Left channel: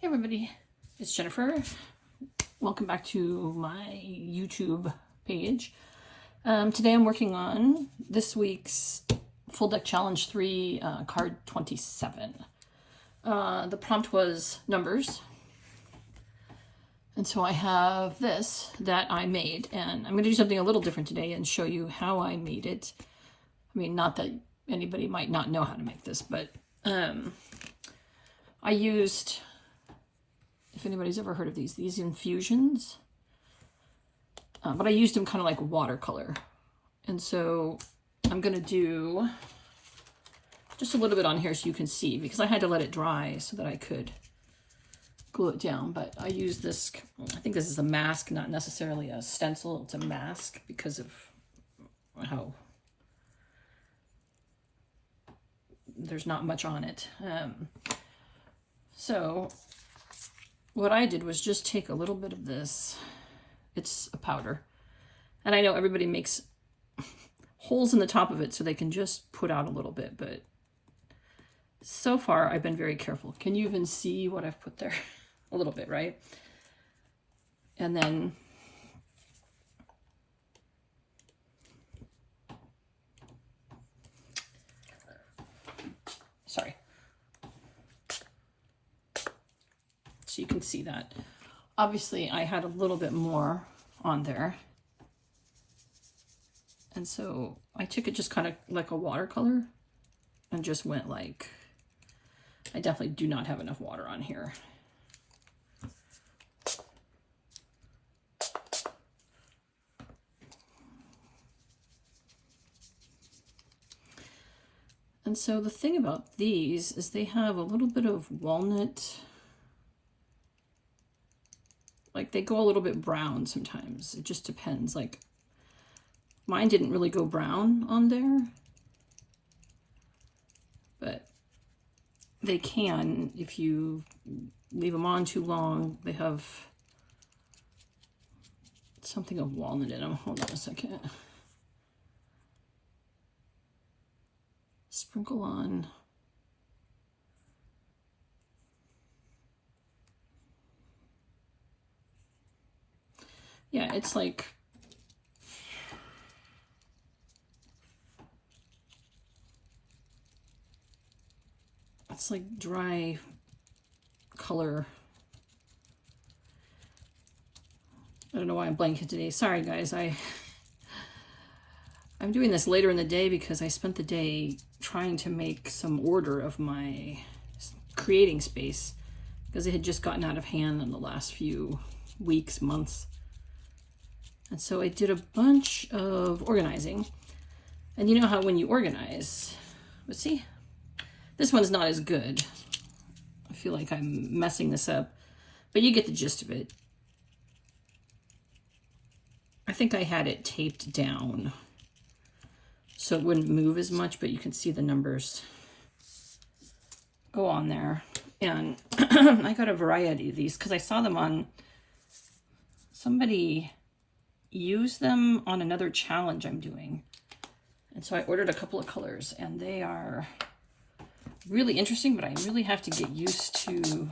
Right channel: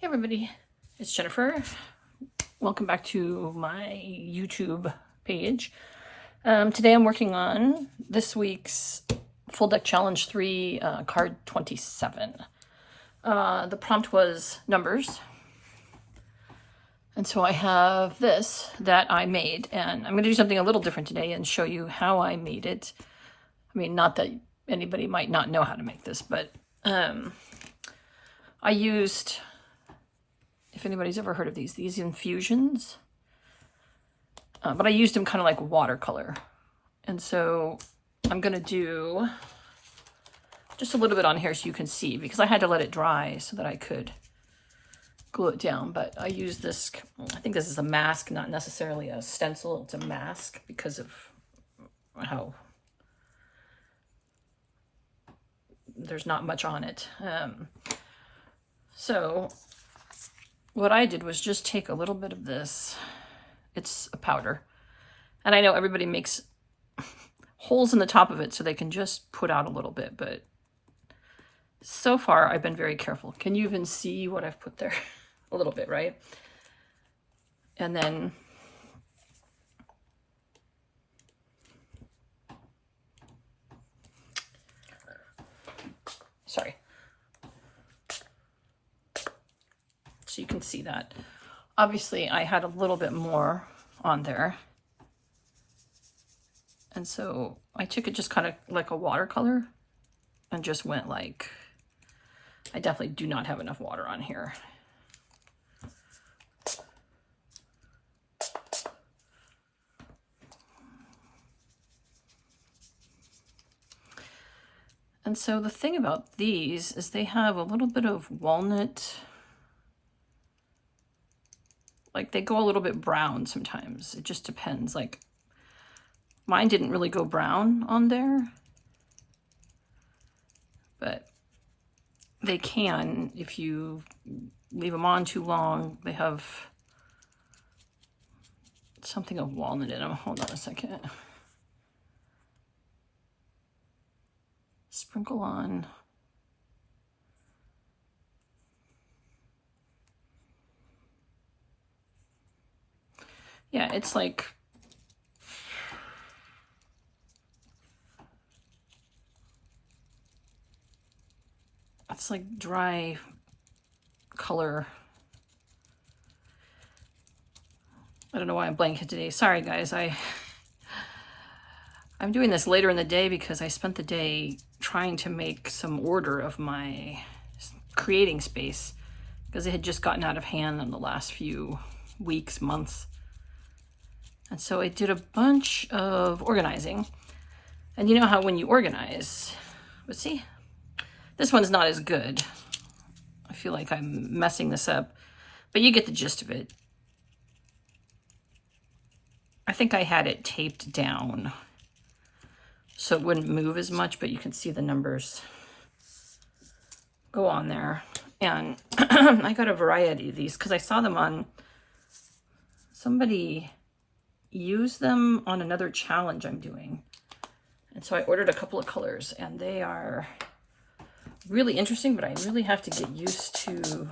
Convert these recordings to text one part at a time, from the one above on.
Hey everybody, it's Jennifer. Welcome back to my YouTube page. Today I'm working on this week's Full Deck Challenge 3, card 27. The prompt was numbers. And so I have this that I made, and I'm going to do something a little different today and show you how I made it. I mean, not that anybody might not know how to make this, but I used, if anybody's ever heard of these infusions, but I used them kind of like watercolor. And so I'm going to do just a little bit on here so you can see, because I had to let it dry so that I could glue it down. But I use this, I think this is a mask, not necessarily a stencil. It's a mask because of how there's not much on it. So what I did was just take a little bit of this. It's a powder. And I know everybody makes holes in the top of it so they can just put out a little bit, but so far I've been very careful. Can you even see what I've put there? A little bit, right? And then sorry. So you can see that. Obviously, I had a little bit more on there. And so I took it just kind of like a watercolor and just went like, I definitely do not have enough water on here. And so the thing about these is they have a little bit of walnut. Like they go a little bit brown sometimes. It just depends. Like mine didn't really go brown on there, but they can if you leave them on too long. They have something of walnut in them. Hold on a second. Sprinkle on. Yeah, it's like dry color. I don't know why I'm blanking today. Sorry guys, I'm doing this later in the day because I spent the day trying to make some order of my creating space because it had just gotten out of hand in the last few weeks, months. And so I did a bunch of organizing. And you know how when you organize, let's see, this one's not as good. I feel like I'm messing this up, but you get the gist of it. I think I had it taped down so it wouldn't move as much, but you can see the numbers go on there. And I got a variety of these because I saw them on, somebody used them on another challenge I'm doing. And so I ordered a couple of colors and they are really interesting, but I really have to get used to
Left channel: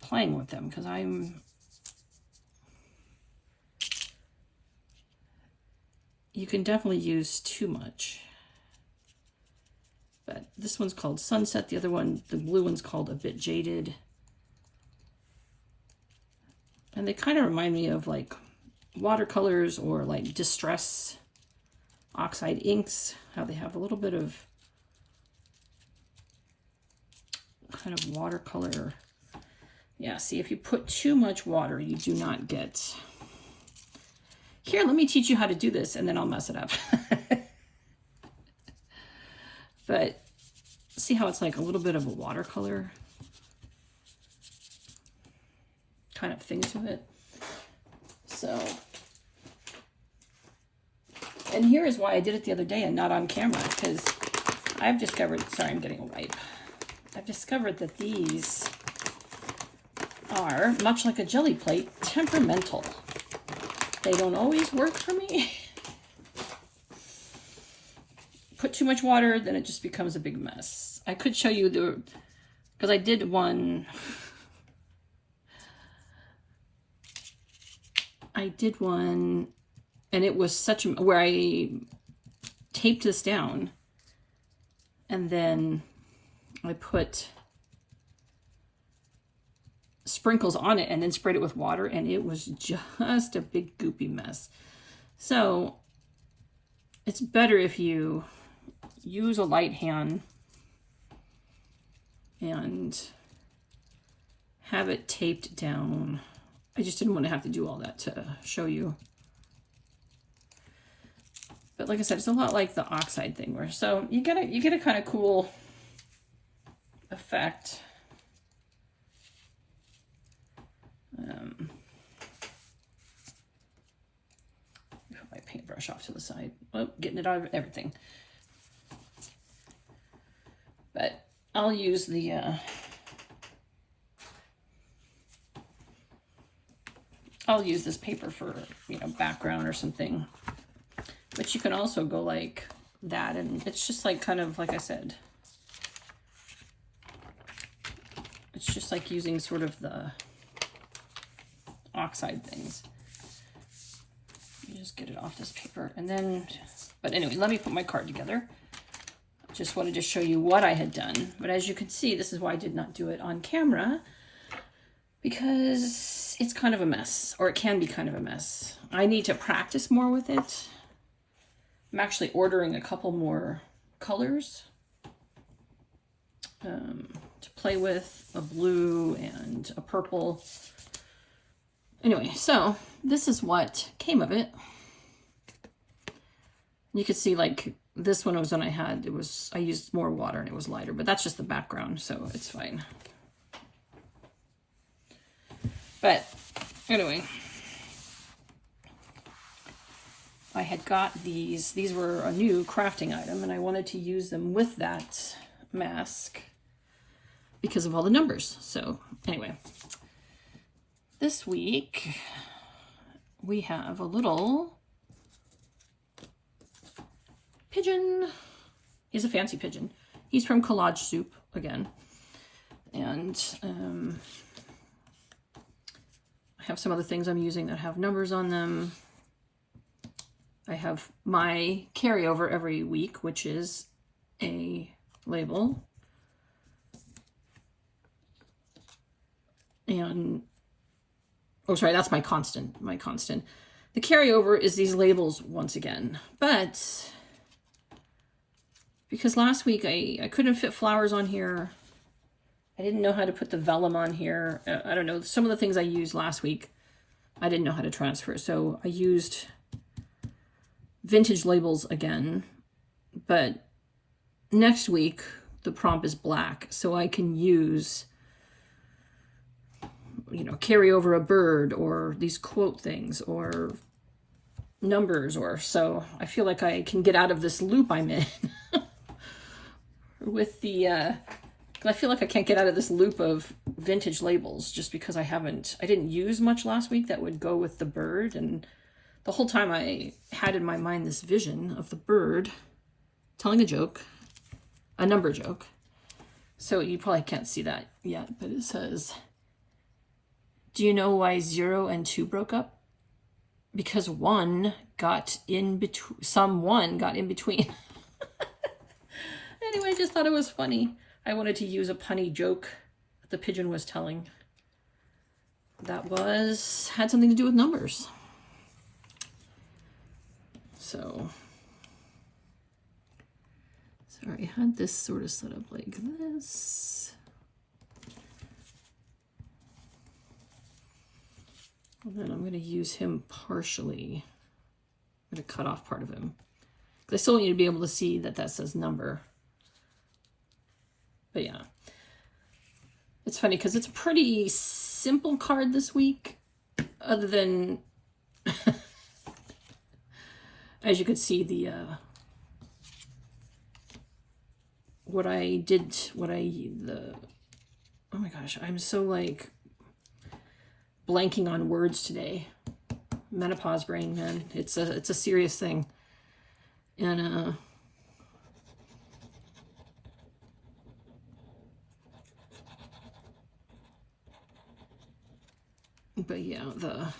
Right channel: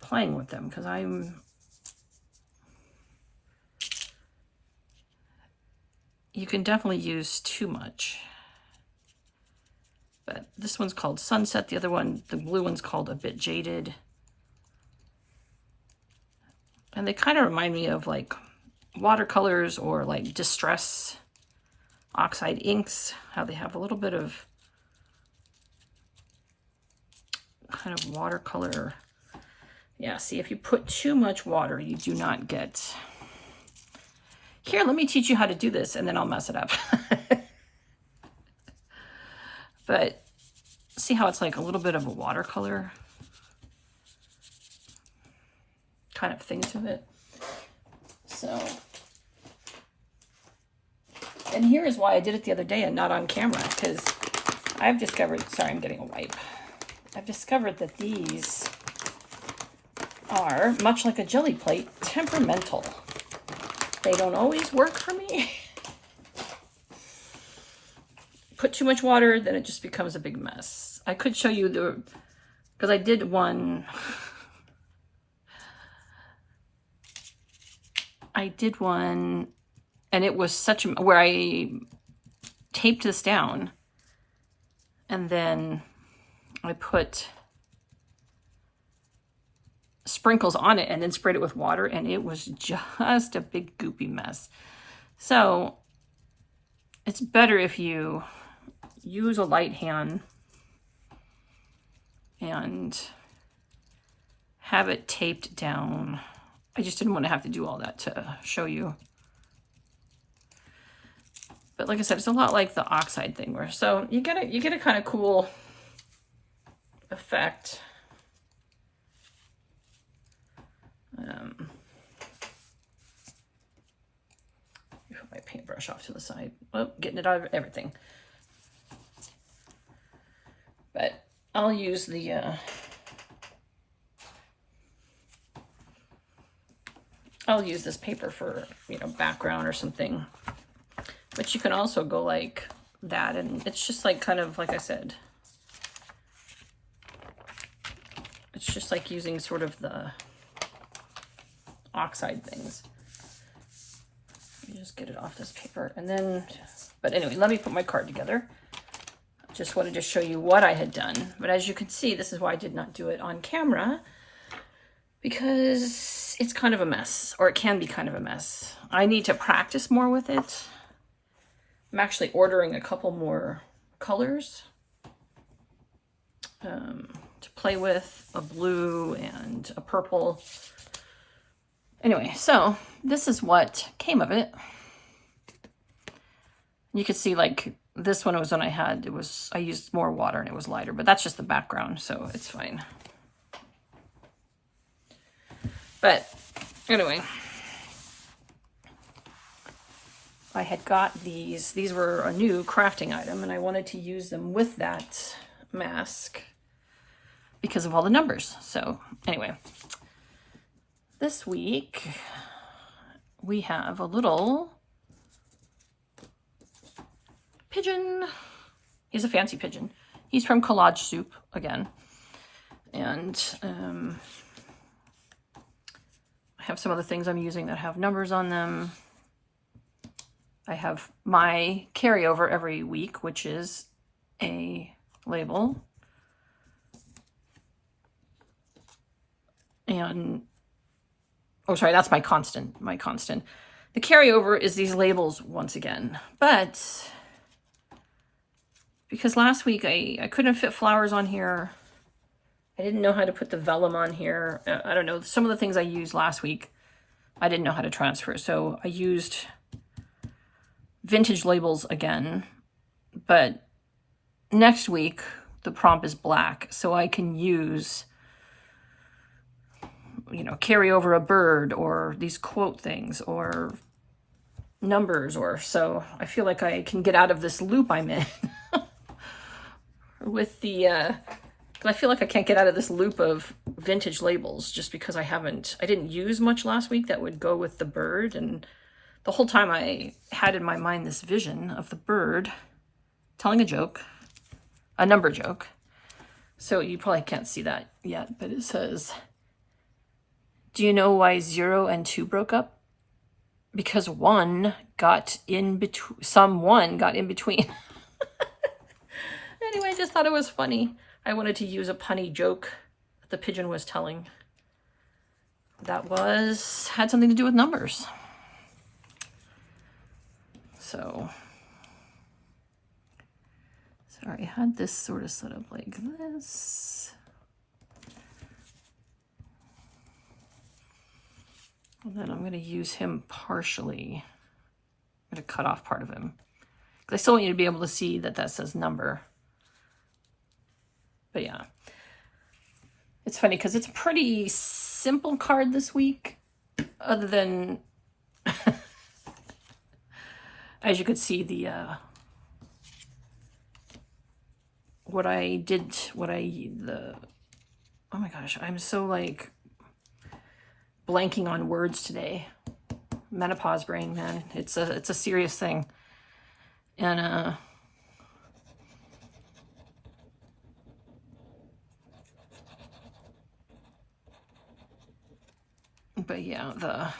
playing with them because you can definitely use too much. But this one's called Sunset. The other one, the blue one's called A Bit Jaded. And they kind of remind me of like watercolors or like distress oxide inks, how they have a little bit of kind of watercolor. Yeah, see, if you put too much water, you do not get... Here, let me teach you how to do this, and then I'll mess it up. But see how it's like a little bit of a watercolor kind of thing to it. So, and here is why I did it the other day and not on camera, because I've discovered, sorry, I'm getting a wipe. I've discovered that these are, much like a jelly plate, temperamental. They don't always work for me. Put too much water, then it just becomes a big mess. I could show you because I did one. And it was such a, where I taped this down and then I put sprinkles on it and then sprayed it with water, and it was just a big goopy mess. So it's better if you use a light hand and have it taped down. I just didn't want to have to do all that to show you. But like I said, it's a lot like the oxide thing where, so you get a kind of cool effect. Put my paintbrush off to the side. Oh, getting it out of everything. But I'll use the I'll use this paper for, you know, background or something. But you can also go like that, and it's just like kind of, like I said, it's just like using sort of the oxide things. You just get it off this paper, and then, but anyway, let me put my card together. I just wanted to show you what I had done. But as you can see, this is why I did not do it on camera, because it's kind of a mess, or it can be kind of a mess. I need to practice more with it. I'm actually ordering a couple more colors to play with, a blue and a purple. Anyway, so this is what came of it. You can see, like, this one was when I used more water and it was lighter, but that's just the background, so it's fine. But anyway, I had got these were a new crafting item, and I wanted to use them with that mask because of all the numbers. So anyway, this week we have a little pigeon. He's a fancy pigeon. He's from Collage Soup again. And I have some other things I'm using that have numbers on them. I have my carryover every week, which is a label. And, oh, sorry, that's my constant. The carryover is these labels once again. But because last week I couldn't fit flowers on here. I didn't know how to put the vellum on here. I don't know. Some of the things I used last week, I didn't know how to transfer. So I used vintage labels again, but next week the prompt is black, so I can use, you know, carry over a bird or these quote things or numbers, or so I feel like I can get out of this loop I'm in with the I feel like I can't get out of this loop of vintage labels just because I didn't use much last week that would go with the bird. And the whole time I had in my mind this vision of the bird telling a joke, a number joke. So you probably can't see that yet, but it says, do you know why 0 and 2 broke up? Because someone got in between. Anyway, I just thought it was funny. I wanted to use a punny joke that the pigeon was telling that had something to do with numbers. So, sorry, I had this sort of set up like this. And then I'm going to use him partially. I'm going to cut off part of him. I still want you to be able to see that says number. But yeah, it's funny because it's a pretty simple card this week, other than, as you could see, oh my gosh, I'm so like blanking on words today. Menopause brain, man. It's a serious thing. And But yeah, the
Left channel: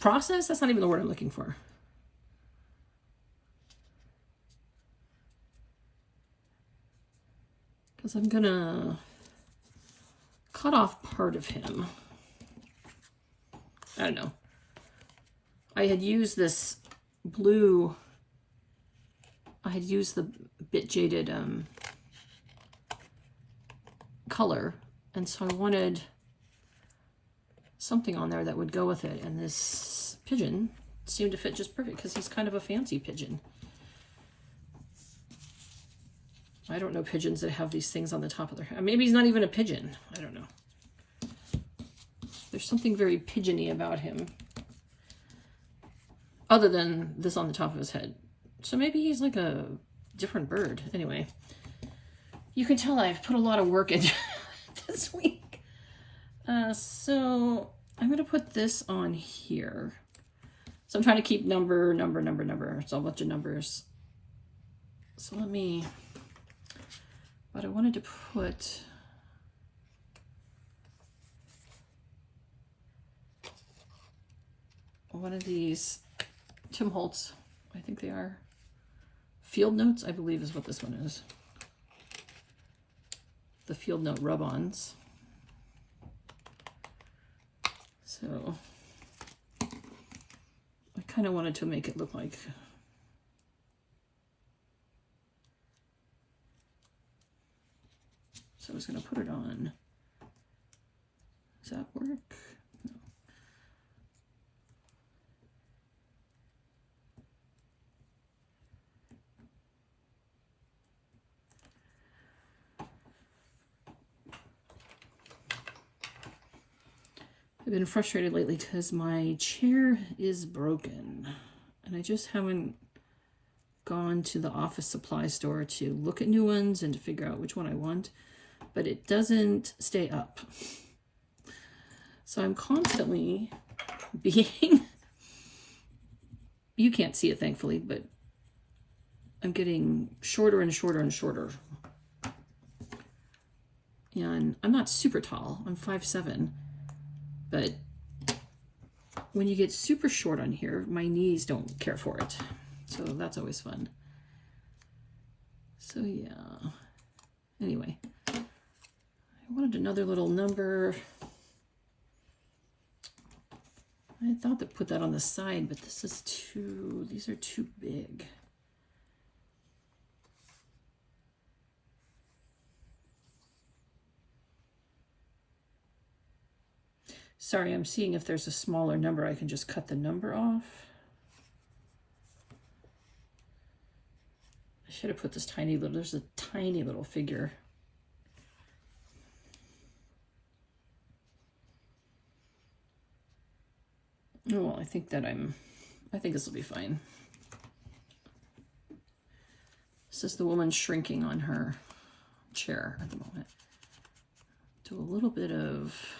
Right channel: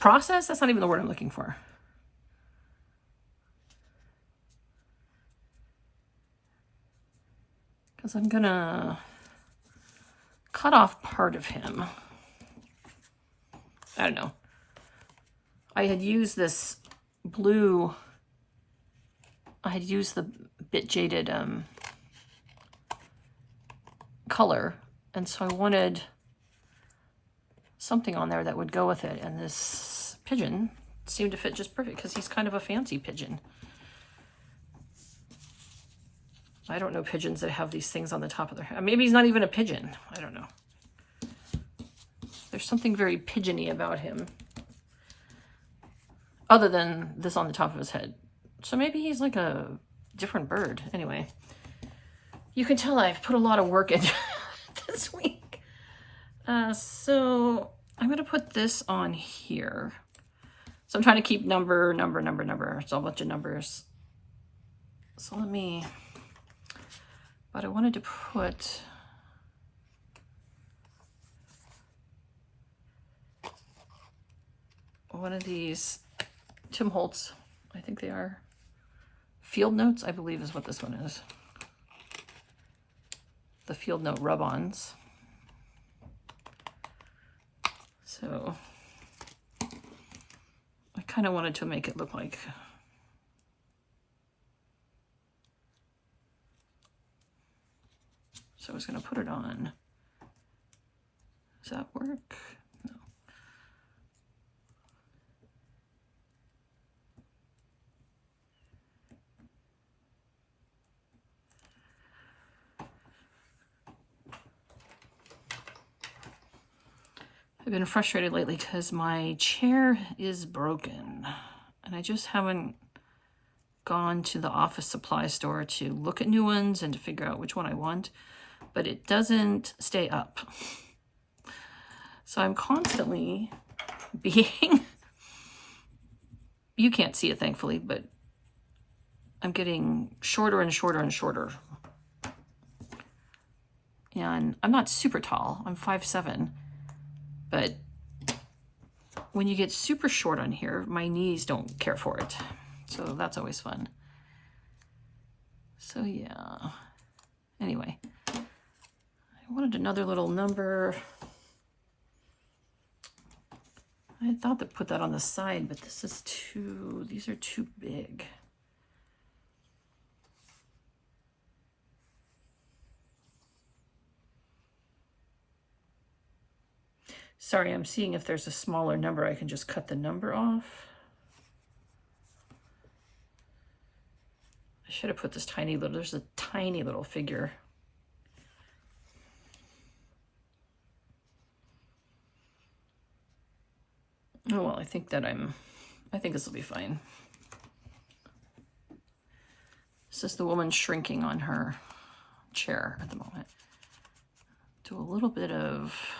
process, that's not even the word I'm looking for. Because I'm gonna cut off part of him. I don't know. I had used this blue, I had used the bit jaded color, and so I wanted something on there that would go with it, and this pigeon seemed to fit just perfect because he's kind of a fancy pigeon. I don't know pigeons that have these things on the top of their head. Maybe he's not even a pigeon. I don't know. There's something very pigeony about him, other than this on the top of his head. So maybe he's like a different bird. Anyway, you can tell I've put a lot of work into this week. So I'm going to put this on here. So I'm trying to keep number. It's a bunch of numbers. So let me, but I wanted to put one of these Tim Holtz, I think they are Field Notes, I believe is what this one is. The Field Note rub-ons. So I kind of wanted to make it look like, so I was going to put it on. Does that work? No. I've been frustrated lately because my chair is broken and I just haven't gone to the office supply store to look at new ones and to figure out which one I want, but it doesn't stay up. So I'm constantly being, you can't see it thankfully, but I'm getting shorter and shorter and shorter. And I'm not super tall, I'm 5'7". But when you get super short on here, my knees don't care for it. So that's always fun. So yeah. Anyway, I wanted another little number. I thought to put that on the side, but this is too, these are too big. Sorry, I'm seeing if there's a smaller number. I can just cut the number off. I should have put this tiny little, there's a tiny little figure. Oh, well, I think this will be fine. This is the woman shrinking on her chair at the moment. Do a little bit of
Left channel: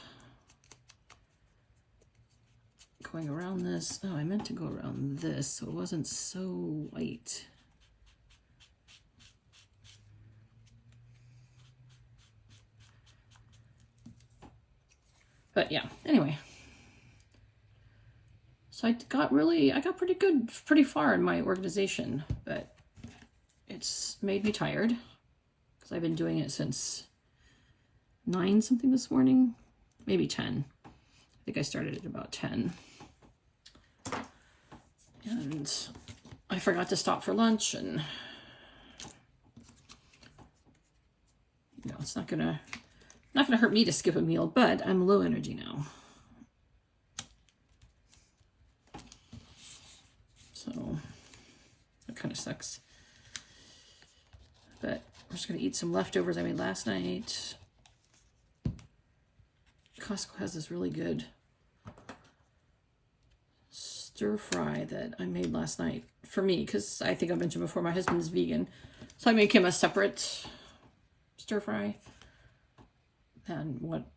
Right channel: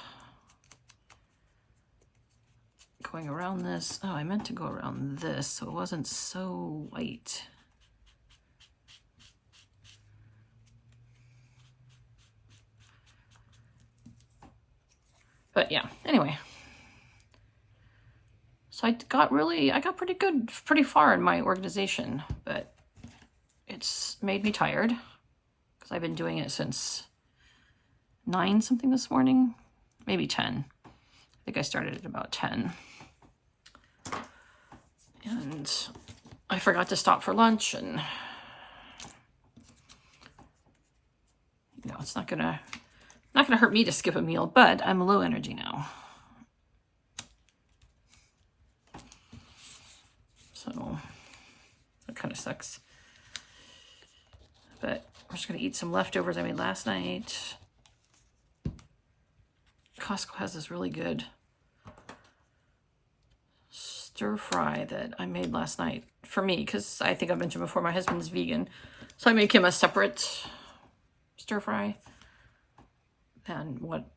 going around this. Oh, I meant to go around this so it wasn't so white. But yeah, anyway. So I got pretty far in my organization, but it's made me tired because I've been doing it since 9 something this morning, maybe 10. I think I started at about 10. And I forgot to stop for lunch, and you know, it's not gonna hurt me to skip a meal, but I'm low energy now. So that kind of sucks. But we're just gonna eat some leftovers I made last night. Costco has this really good stir fry that I made last night for me, because I think I mentioned before my husband's vegan, so I make him a separate stir fry than what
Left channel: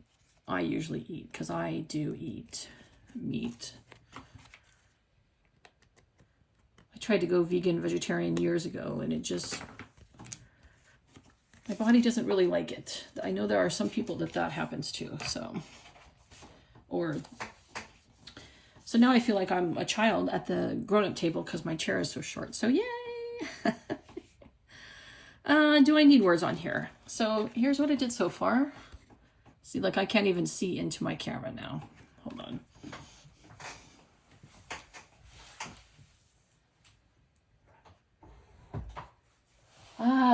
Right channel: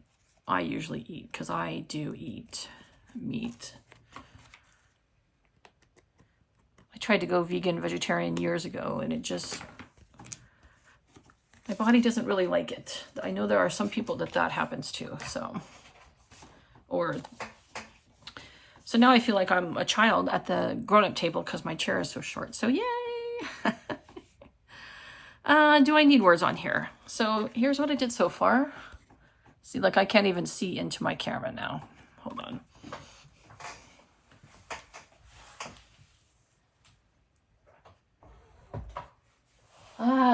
I usually eat, because I do eat meat. I tried to go vegan vegetarian years ago, and it just, my body doesn't really like it. I know there are some people that happens to, so, Or so now I feel like I'm a child at the grown-up table because my chair is so short. So yay! Do I need words on here? So here's what I did so far. See, like I can't even see into my camera now. Hold on.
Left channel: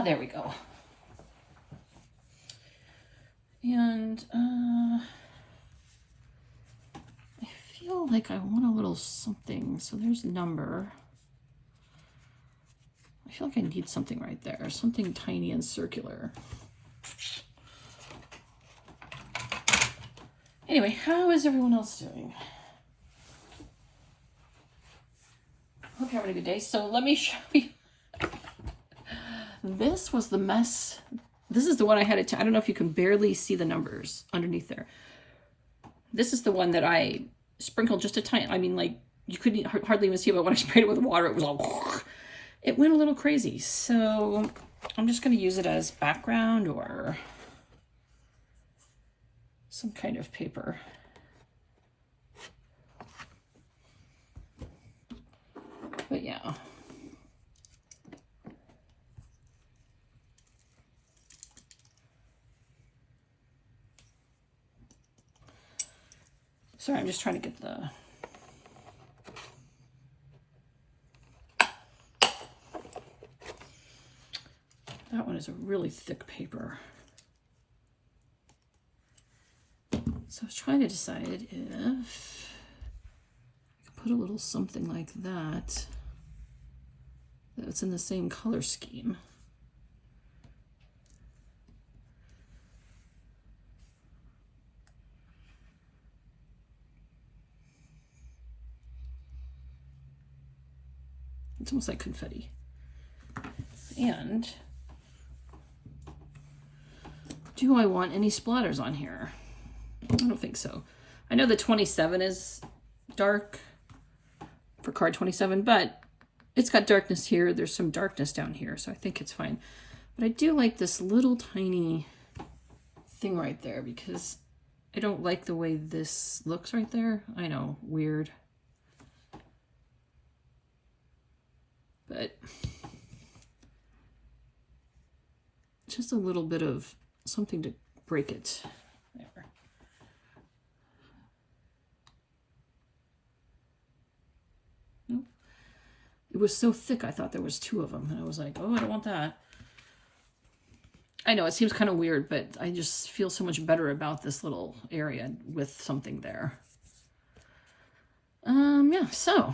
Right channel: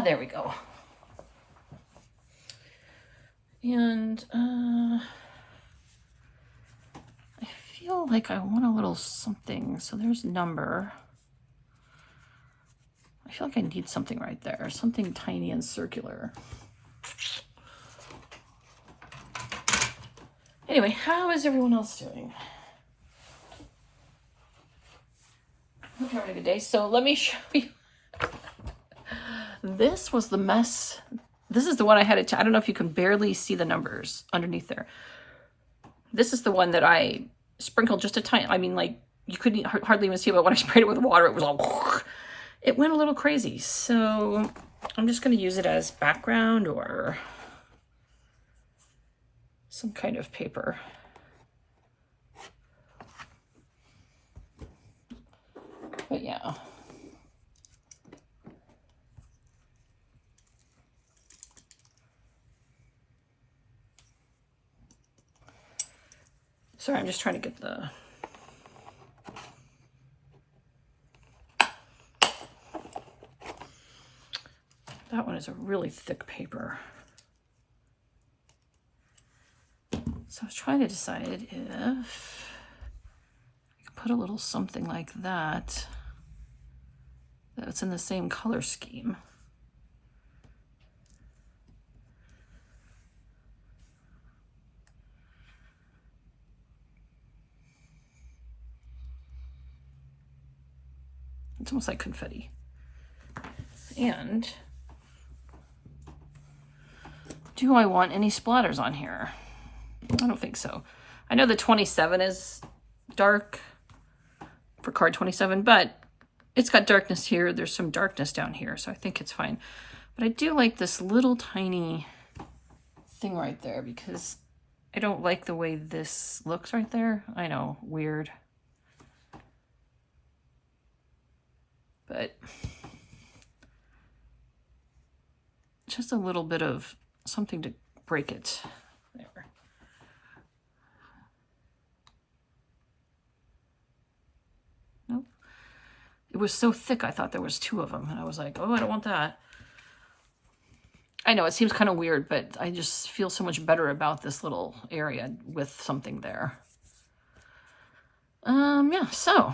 There we go. And I feel like I want a little something. So there's number. I feel like I need something right there. Something tiny and circular. Anyway, how is everyone else doing? Hope you're having a good day. So let me show you. This was the mess. This is the one I had to, I don't know if you can barely see the numbers underneath there. This is the one that I sprinkled just a tiny, I mean, like, you couldn't hardly even see it, but when I sprayed it with water, it was all, it went a little crazy. So I'm just going to use it as background or some kind of paper. But yeah. Sorry, I'm just trying to get the... That one is a really thick paper. So I was trying to decide if I could put a little something like that that's in the same color scheme. It's almost like confetti. And do I want any splatters on here? I don't think so. I know the 27 is dark for card 27, but it's got darkness here. There's some darkness down here, so I think it's fine. But I do like this little tiny thing right there because I don't like the way this looks right there. I know, weird. But just a little bit of something to break it. There. Nope. It was so thick, I thought there was two of them. And I was like, oh, I don't want that. I know, it seems kind of weird, but I just feel so much better about this little area with something there. Yeah, so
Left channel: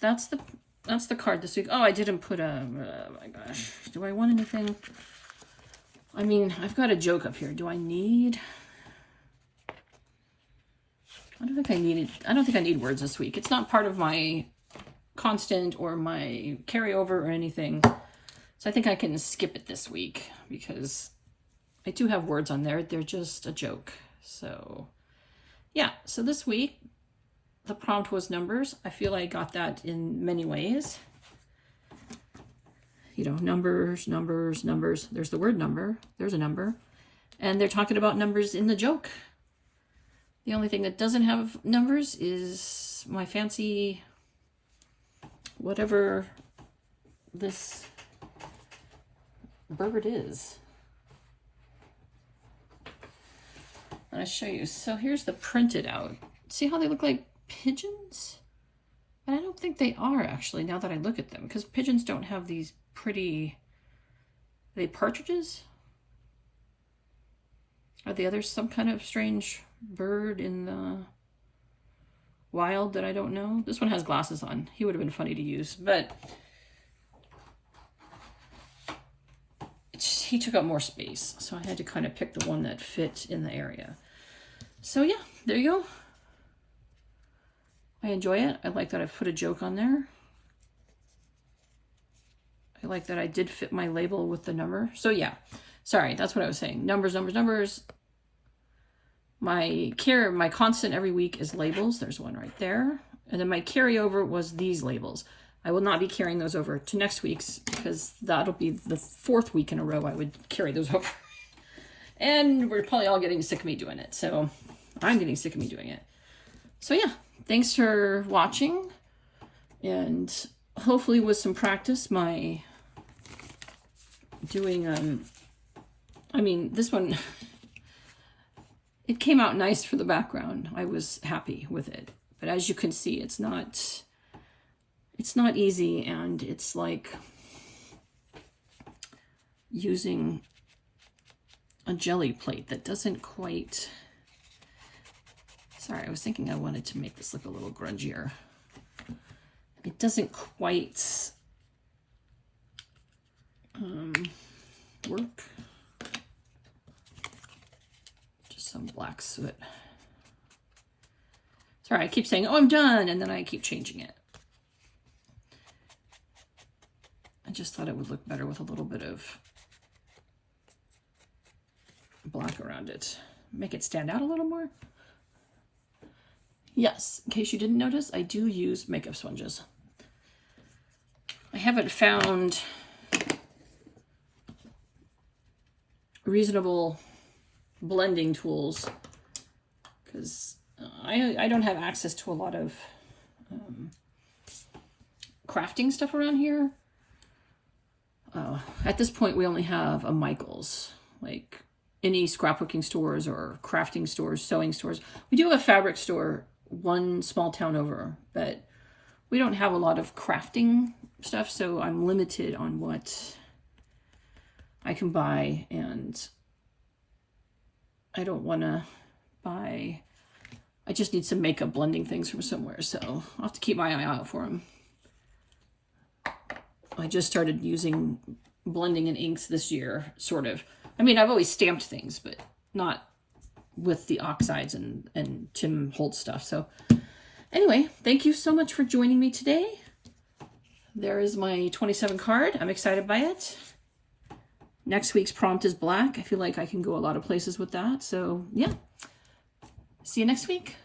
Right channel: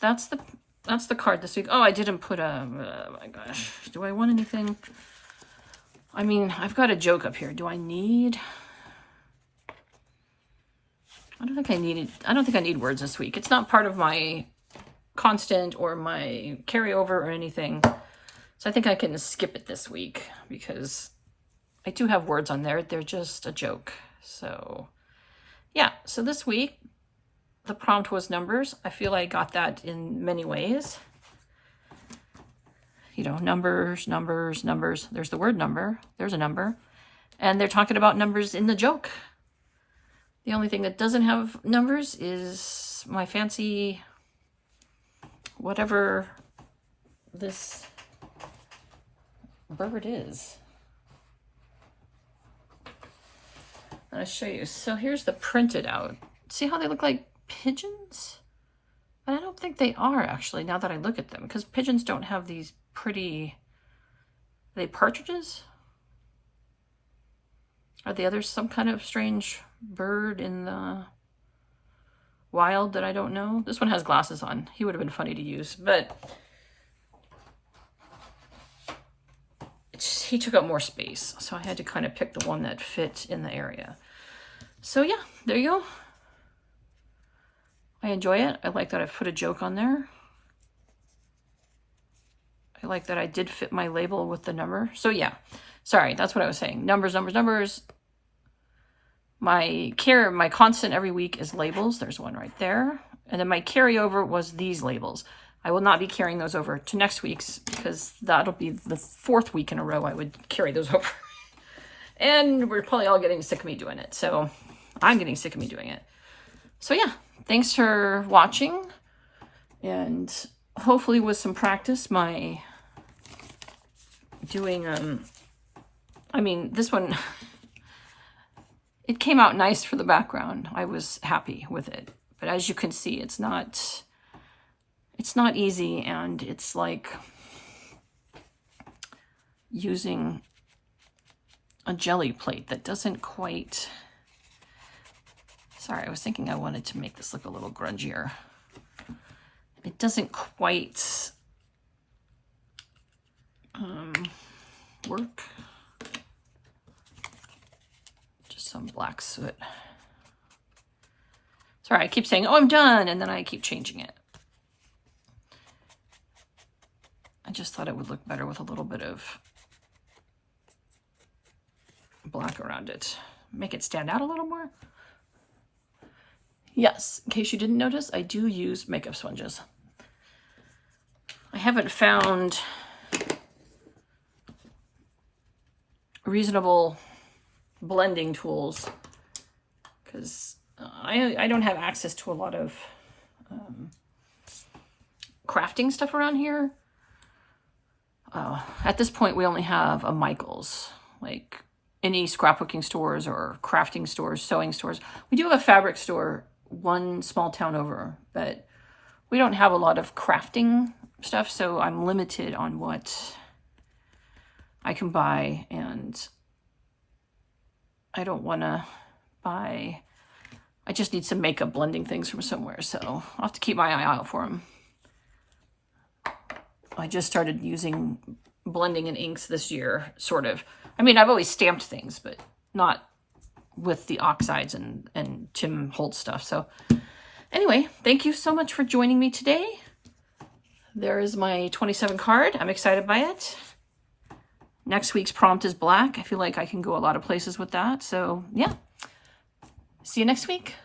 that's the card this week. Oh, I didn't put a, oh my gosh, do I want anything? I mean, I've got a joke up here. Do I need, I don't think I need words this week. It's not part of my constant or my carryover or anything. So I think I can skip it this week because I do have words on there. They're just a joke. So yeah, so this week, the prompt was numbers. I feel I got that in many ways. You know, numbers, numbers, numbers. There's the word number. There's a number. And they're talking about numbers in the joke. The only thing that doesn't have numbers is my fancy, whatever this bird is. I'll show you. So here's the printed out. See how they look like pigeons? But I don't think they are actually, now that I look at them, because pigeons don't have these pretty, are they partridges? Are the others some kind of strange bird in the wild that I don't know? This one has glasses on. He would have been funny to use, but he took up more space, so I had to kind of pick the one that fit in the area. So yeah, there you go. I enjoy it. I like that I've put a joke on there. I like that I did fit my label with the number. So yeah, sorry, that's what I was saying. Numbers, numbers, numbers. My constant every week is labels. There's one right there. And then my carryover was these labels. I will not be carrying those over to next week's because that'll be the 4th week in a row I would carry those over. And we're probably all getting sick of me doing it. So I'm getting sick of me doing it. So yeah, thanks for watching. And hopefully with some practice, my doing, I mean, this one, it came out nice for the background. I was happy with it. But as you can see, it's not easy, and it's like using a jelly plate that doesn't quite, sorry, I was thinking I wanted to make this look a little grungier. It doesn't quite work. Just some black soot. Sorry, I keep saying, oh, I'm done, and then I keep changing it. I just thought it would look better with a little bit of black around it. Make it stand out a little more. Yes, in case you didn't notice, I do use makeup sponges. I haven't found reasonable blending tools because I don't have access to a lot of crafting stuff around here. At this point, we only have a Michael's, like any scrapbooking stores or crafting stores, sewing stores. We do have a fabric store one small town over, but we don't have a lot of crafting stuff, so I'm limited on what I can buy, and I don't want to buy, I just need some makeup blending things from somewhere, so I'll have to keep my eye out for them. I just started using blending in inks this year, sort of. I mean, I've always stamped things, but not with the oxides and Tim Holtz stuff. So anyway, thank you so much for joining me today. There is my 27 card. I'm excited by it. Next week's prompt is black. I feel like I can go a lot of places with that. So yeah, see you next week.